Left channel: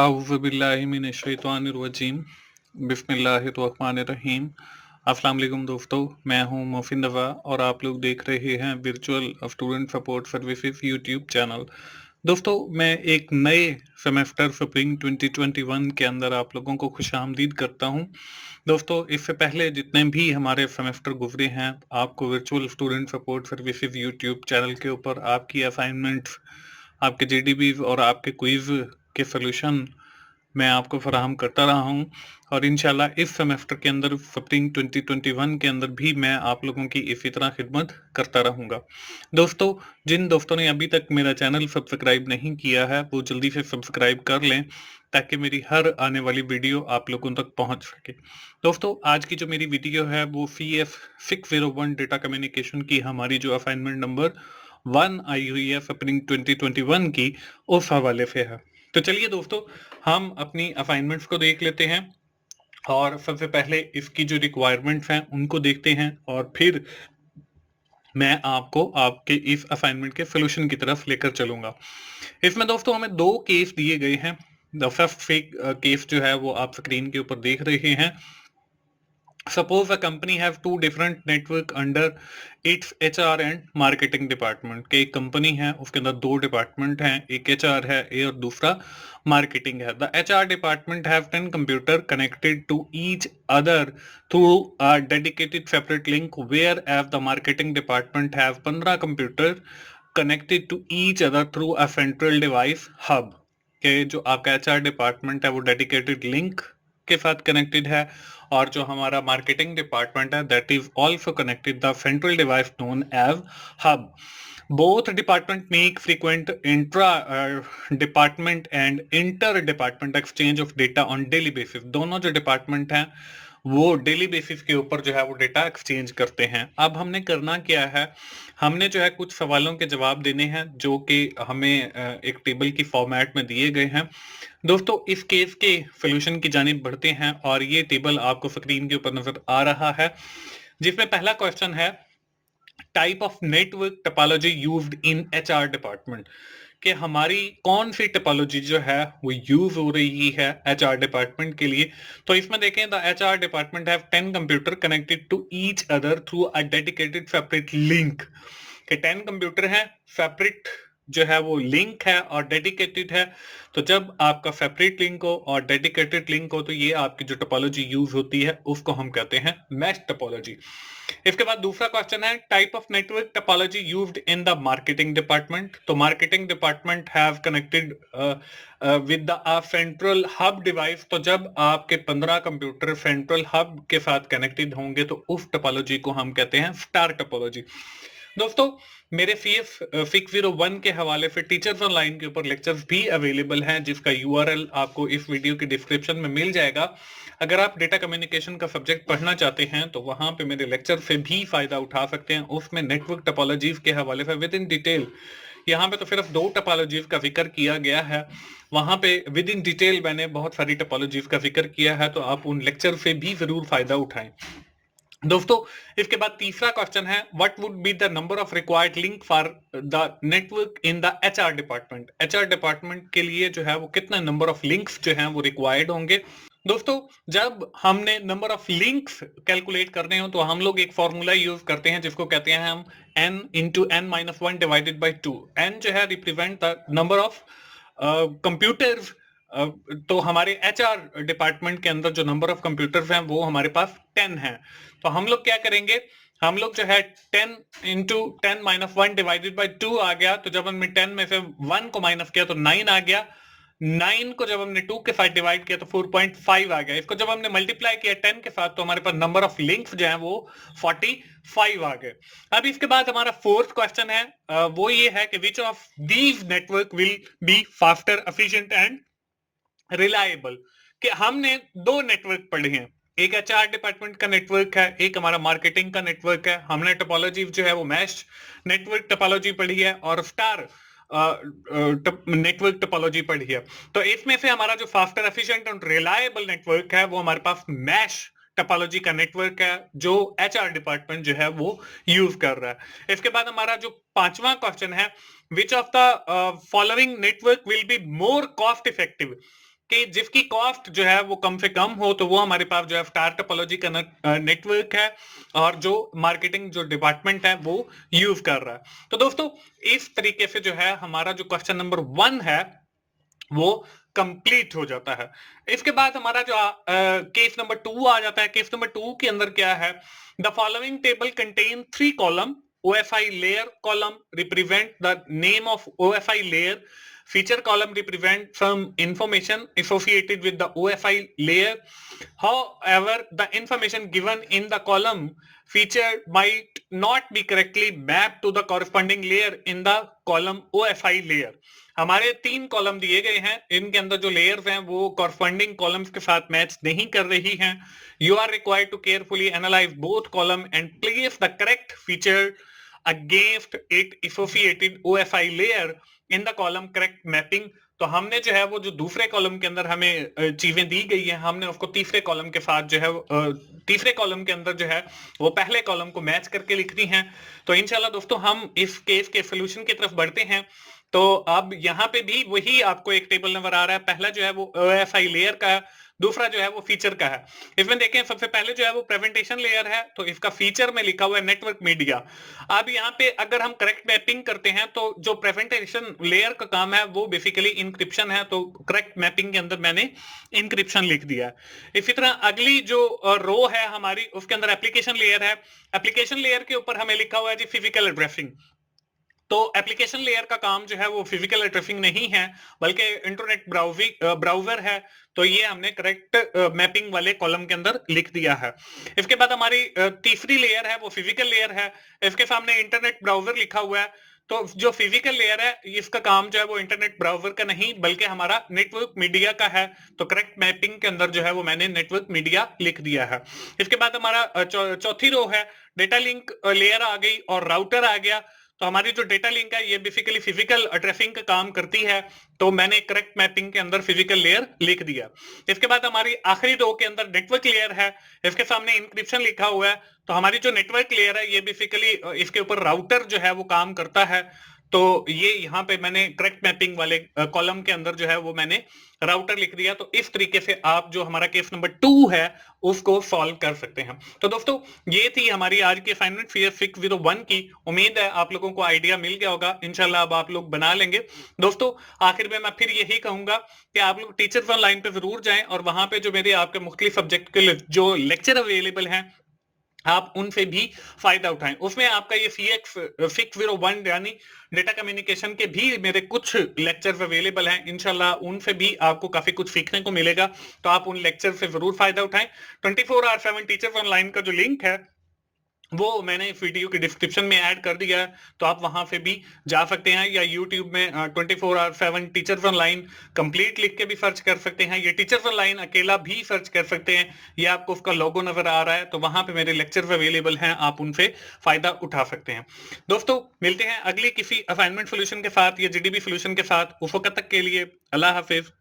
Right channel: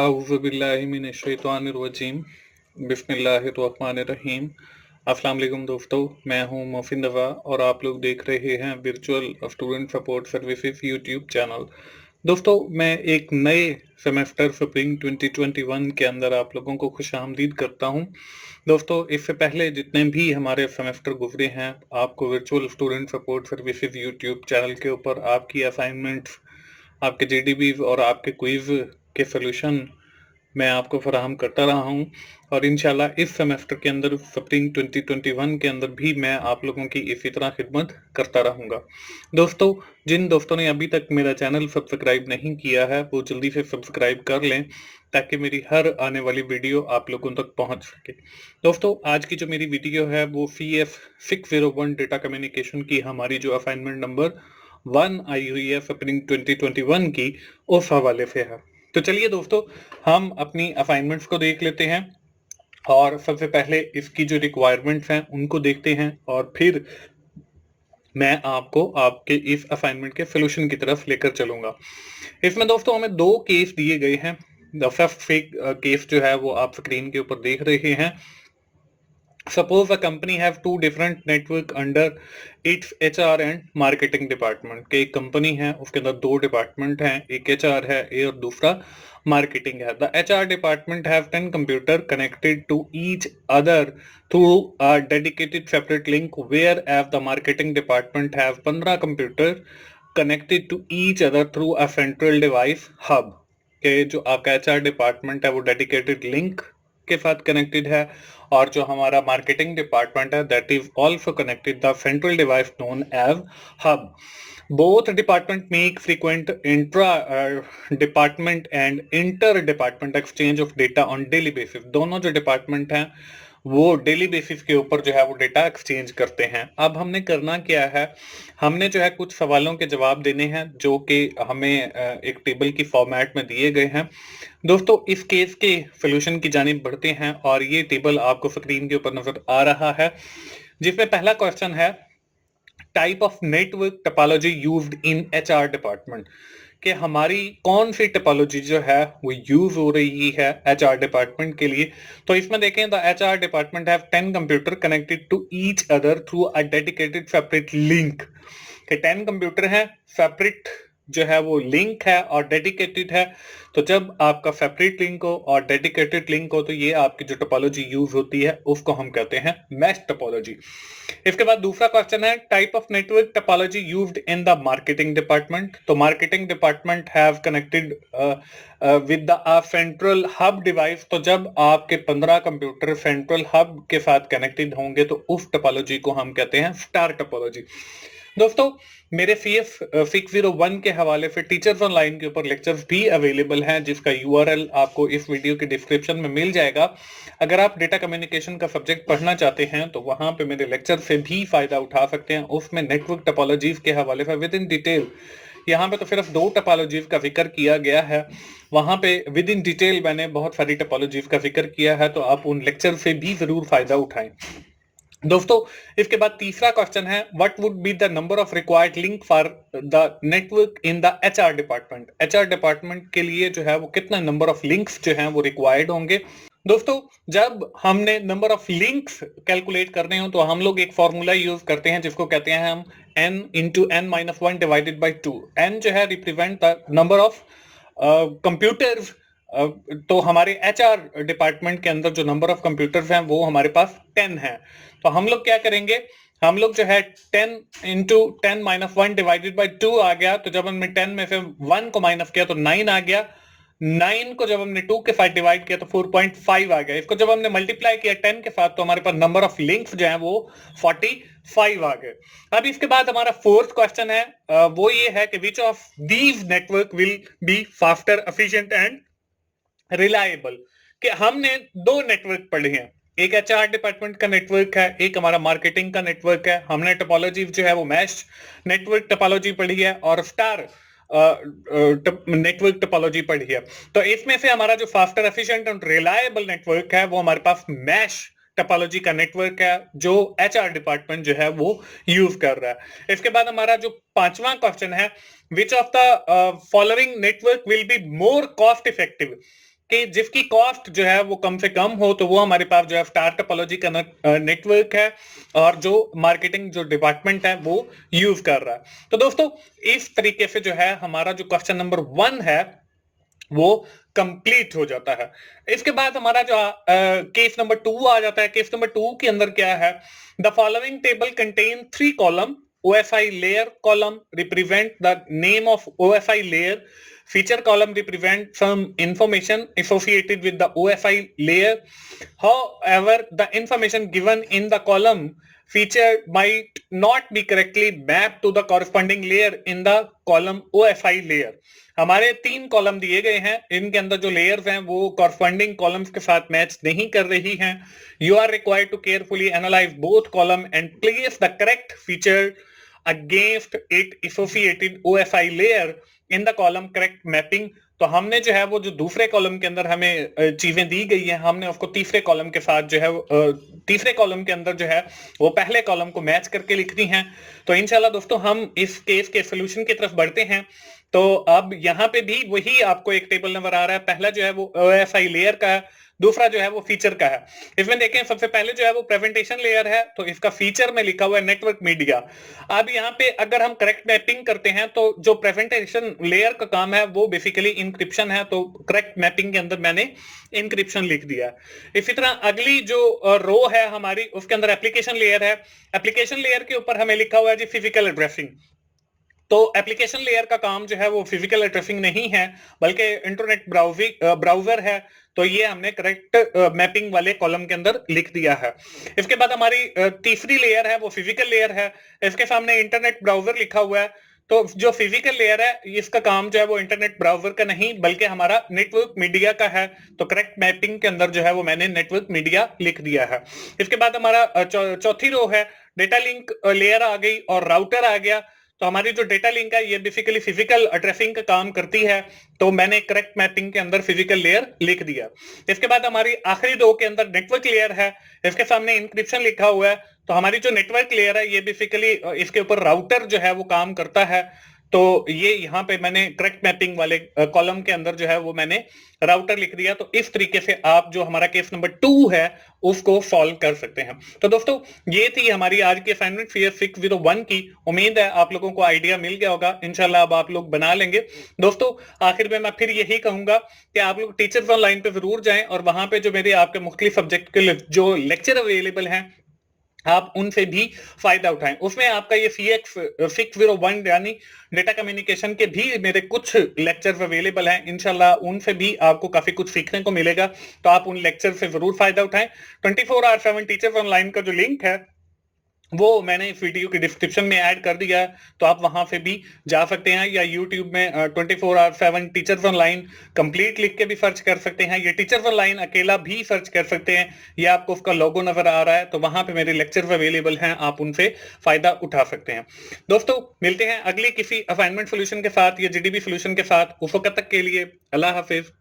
अऊज़ुबिल्लाहिमिनश्शैतानिर्रजीम बिस्मिल्लाहिर्रहमानिर्रहीम। अस्सलाम वालेकुम दोस्तों, मैं हूं मोहसिन रज़ा और आप लोग देख रहे हैं virtual student support services YouTube channel. दोस्तों, मैं एक नए सेमेस्टर स्प्रिंग 2021 के अंदर आप लोगों को खुशामदीद करता हूं। दोस्तों, इससे पहले जितने भी हमारे सेमेस्टर गुजरे हैं, आपको virtual student support services YouTube channel के ऊपर आपकी असाइनमेंट्स, आपके जीडीबीज और आपके क्विज के सॉल्यूशन मैं आपको फराहम करता रहा हूं और इंशाल्लाह इस सेमेस्टर के अंदर स्प्रिंग 2021 के अंदर भी मैं आप लोगों की इसी तरह खिदमत करता रहूंगा। दोस्तों, जिन दोस्तों ने अभी तक मेरा चैनल सब्सक्राइब नहीं किया है वो जल्दी से सब्सक्राइब कर लें ताकि मेरी हर आने वाली वीडियो आप लोगों तक पहुंच सके। दोस्तों, आज की जो मेरी वीडियो है वो CF 601 डेटा कम्युनिकेशन की हमारी जो असाइनमेंट नंबर 1 आई हुई है स्प्रिंग 2021 की, उस हवाले से है। तो चलिए दोस्तों, हम अपनी असाइनमेंट्स को देख लेते हैं और सबसे पहले इसकी जो रिक्वायरमेंट्स हैं उनको देखते हैं और फिर मैं आपको आपके इस असाइनमेंट के सोल्यूशन की तरफ लेकर चलूंगा। इसमें दोस्तों हमें दो केस दिए गए हैं। द फर्स्ट केस जो है वो आप स्क्रीन के ऊपर देख रहे हैं। Suppose a company have two different network under its HR and marketing department। के एक कंपनी है, उसके अंदर दो डिपार्टमेंट हैं, एक HR है और दूसरा मार्केटिंग है। The HR department have 10 computer connected to each other through a dedicated separate link, whereas the marketing department have 15 computer connected to each other through a central device hub। के जो आपका HR department है वो dedicated link के साथ connected है और जो हमारा मार्केटिंग डिपार्टमेंट है that is also connected the central device known as hub. Both department make frequent intra department and inter department exchange of data on daily basis. दोनों जो डिपार्टमेंट हैं वो डेली बेसिस के ऊपर जो है वो डेटा एक्सचेंज करते हैं। अब हमने करना क्या है, हमने जो है कुछ सवालों के जवाब देने हैं जो कि हमें एक टेबल की फॉर्मेट में दिए गए हैं। दोस्तों, इस केस के सोल्यूशन की जानिब बढ़ते हैं और ये टेबल आपको स्क्रीन के ऊपर नजर आ रहा है, जिसमें पहला क्वेश्चन है type of network topology used in HR department. कि हमारी कौन सी टोपोलॉजी जो है वो यूज हो रही है HR डिपार्टमेंट के लिए। तो इसमें देखें, the HR department have 10 computer connected to each other through a dedicated separate link. के 10 कंप्यूटर हैं, सेपरेट जो है वो लिंक है और डेडिकेटेड है। तो जब आपका सेपरेट लिंक हो और डेडिकेटेड लिंक हो तो ये आपकी जो टोपोलॉजी यूज होती है उसको हम कहते हैं मैश टोपोलॉजी। इसके बाद दूसरा क्वेश्चन है type of network topology used in the marketing department. तो marketing department have connected with the central hub device. तो जब आपके 15 कंप्यूटर सेंट्रल हब के साथ कनेक्टेड होंगे तो उस टोपोलॉजी को हम कहते हैं स्टार टोपोलॉजी। दोस्तों, मेरे CF 601 के हवाले से टीचर्स ऑनलाइन के ऊपर लेक्चर्स भी अवेलेबल हैं, जिसका URL आपको इस वीडियो के डिस्क्रिप्शन में मिल जाएगा। अगर आप डेटा कम्युनिकेशन का सब्जेक्ट पढ़ना चाहते हैं तो वहां पे मेरे लेक्चर से भी फायदा उठा सकते हैं। उसमें नेटवर्क टोपोलॉजीज के हवाले से विद इन डिटेल, यहाँ पे तो सिर्फ दो टोपोलॉजीज का जिक्र किया गया है, वहां पे विद इन डिटेल मैंने बहुत सारी टोपोलॉजीज का जिक्र किया है, तो आप उन लेक्चर से भी जरूर फायदा उठाएं। दोस्तों, इसके बाद तीसरा क्वेश्चन है what would be the number of required link for the network in the HR department. HR department के लिए जो है वो कितना नंबर ऑफ लिंक्स जो हैं वो रिक्वायर्ड होंगे। दोस्तों, जब हमने नंबर ऑफ लिंक्स कैलकुलेट करने हो तो हम लोग एक फॉर्मूला यूज करते हैं जिसको कहते हैं हम n into n minus one divided by two. N जो है represent the number of computers. तो हमारे HR डिपार्टमेंट के अंदर जो नंबर ऑफ कंप्यूटर्स हैं वो हमारे पास 10 है। तो हम लोग क्या करेंगे, हम लोग जो है 10 into 10 minus one divided by 2 आ गया। तो जब हमने 10 में से 1 को माइनस किया तो 9 आ गया। 9 को जब हमने 2 के साथ डिवाइड किया तो 4.5 आ गया। इसको जब हमने मल्टीप्लाई किया 10 के साथ तो हमारे पास नंबर ऑफ लिंक्स जो है वो 45 आ गए। अब इसके बाद हमारा फोर्थ क्वेश्चन है, वो ये है कि which of these network will be faster, efficient and reliable. कि हमने दो नेटवर्क पढ़े हैं, एक HR डिपार्टमेंट का नेटवर्क है, एक हमारा मार्केटिंग का नेटवर्क है। हमने टोपोलॉजी जो है वो मैश नेटवर्क टोपोलॉजी पढ़ी है और स्टार नेटवर्क टोपोलॉजी पढ़ी है। तो इसमें से हमारा जो faster, efficient and reliable network है वो हमारे पास मैश टोपोलॉजी का नेटवर्क है जो HR डिपार्टमेंट जो है वो यूज कर रहा है। इसके बाद हमारा जो पांचवा क्वेश्चन है, which of the following network will be more cost effective. कि जिसकी कॉस्ट जो है वो कम से कम हो, तो वो हमारे पास जो है स्टार टोपोलॉजी का नेटवर्क है और जो मार्केटिंग जो डिपार्टमेंट है वो यूज कर रहा है। तो दोस्तों इस तरीके से जो है हमारा जो क्वेश्चन नंबर 1 है वो कंप्लीट हो जाता है। इसके बाद हमारा जो केस नंबर 2 आ जाता है। केस नंबर 2 के अंदर क्या है, the following table contain 3 column, OFI layer column represent the name of OFI layer, feature column represent some information associated with the OFI layer. However, the information given in the column feature might not be correctly mapped to the corresponding layer in the column OFI layer. हमारे 3 column दिए गए हैं, इनके अंदर जो layers हैं वो corresponding columns के साथ मैच नहीं कर रही हैं। You are required to carefully analyse both column and place the correct feature against it associated OFI layer in the column correct mapping. तो हमने जो है वो जो दूसरे कॉलम के अंदर हमें चीजें दी गई हैं, हमने उसको तीसरे कॉलम के साथ जो है तीसरे कॉलम के अंदर जो है वो पहले कॉलम को मैच करके लिखनी है। तो इंशाल्लाह दोस्तों हम इस केस के सोल्यूशन की तरफ बढ़ते हैं। तो अब यहाँ पे भी वही आपको एक टेबल नंबर आ रहा है। पहला जो है वो OFI लेयर का है, दूसरा जो है वो फीचर का है। इसमें देखें सबसे पहले जो है वो प्रेजेंटेशन लेयर है, तो इसका फीचर में लिखा हुआ है नेटवर्क मीडिया। अब यहाँ पे अगर हम करेक्ट मैपिंग करते हैं तो जो प्रेजेंटेशन लेयर का काम है वो बेसिकली इंक्रिप्शन है, तो करेक्ट मैपिंग के अंदर मैंने इंक्रिप्शन लिख दिया। इसी तरह अगली जो रो है हमारी उसके अंदर एप्लीकेशन लेयर है। एप्लीकेशन लेयर के ऊपर हमें लिखा हुआ है जी फिजिकल एड्रेसिंग। तो एप्लीकेशन लेयर का काम जो है वो फिजिकल एड्रेसिंग नहीं है बल्कि इंटरनेट ब्राउजर है। तो ये हमने करेक्ट मैपिंग वाले कॉलम के अंदर लिख दिया है। इसके बाद हमारी तीसरी लेयर है वो फिजिकल लेयर है। इसके सामने इंटरनेट ब्राउजर लिखा हुआ है। तो जो फिजिकल लेयर है इसका काम जो है वो इंटरनेट ब्राउजर का नहीं बल्कि हमारा नेटवर्क मीडिया का है। तो करेक्ट मैपिंग के अंदर जो है वो मैंने नेटवर्क मीडिया लिख दिया है। इसके बाद हमारा चौथी रो है डेटा लिंक लेयर आ गई और राउटर आ गया। तो हमारी जो डेटा लिंक है ये बेसिकली फिजिकल एड्रेसिंग का काम करती है, तो मैंने करेक्ट मैपिंग के अंदर फिजिकल लेयर लिख दिया। इसके बाद हमारी आखिरी दो के अंदर नेटवर्क लेयर है, इसके सामने इंक्रिप्शन लिखा हुआ है। तो हमारी जो नेटवर्क लेयर है ये बेसिकली इसके ऊपर राउटर जो है वो काम करता है। तो ये यहाँ पे मैंने करेक्ट मैपिंग वाले कॉलम के अंदर जो है वो मैंने राउटर लिख दिया। तो इस तरीके से आप जो हमारा केस नंबर 2 है उसको सॉल्व कर सकते हैं। तो दोस्तों ये थी हमारी आज की असाइनमेंट CS 601 की। उम्मीद है आप लोगों को आइडिया मिल गया होगा। इंशाल्लाह अब आप लोग बना लेंगे। दोस्तों आखिर में मैं फिर यही कहूंगा कि आप लोग टीचर्स ऑनलाइन पे जरूर जाएं और वहां पे जो मेरे आपके मुख्तलिफ सब्जेक्ट के जो लेक्चर अवेलेबल हैं आप उनसे भी फायदा उठाएं। उसमें आपका ये CX 601 यानी डेटा कम्युनिकेशन के भी मेरे कुछ लेक्चर्स अवेलेबल हैं। इंशाल्लाह उनसे भी आपको काफी कुछ सीखने को मिलेगा। तो आप उन लेक्चर से जरूर फायदा उठाएं। 24/7 टीचर्स ऑनलाइन का जो लिंक है वो मैंने इस वीडियो की डिस्क्रिप्शन में ऐड कर दिया है, तो आप वहां से भी जा सकते हैं। या यूट्यूब में 24/7 टीचर्स ऑनलाइन कंप्लीट लिख के भी सर्च कर सकते हैं। ये टीचर्स ऑनलाइन अकेला भी सर्च कर सकते हैं। ये आपको उसका लोगो नजर आ रहा है, तो वहां पे मेरे लेक्चर्स अवेलेबल हैं, आप उनसे फायदा उठा सकते हैं। दोस्तों मिलते हैं अगली किसी असाइनमेंट सोल्यूशन के साथ या GDB सोल्यूशन के साथ। उस वक्त तक के लिए अल्लाह हाफिज।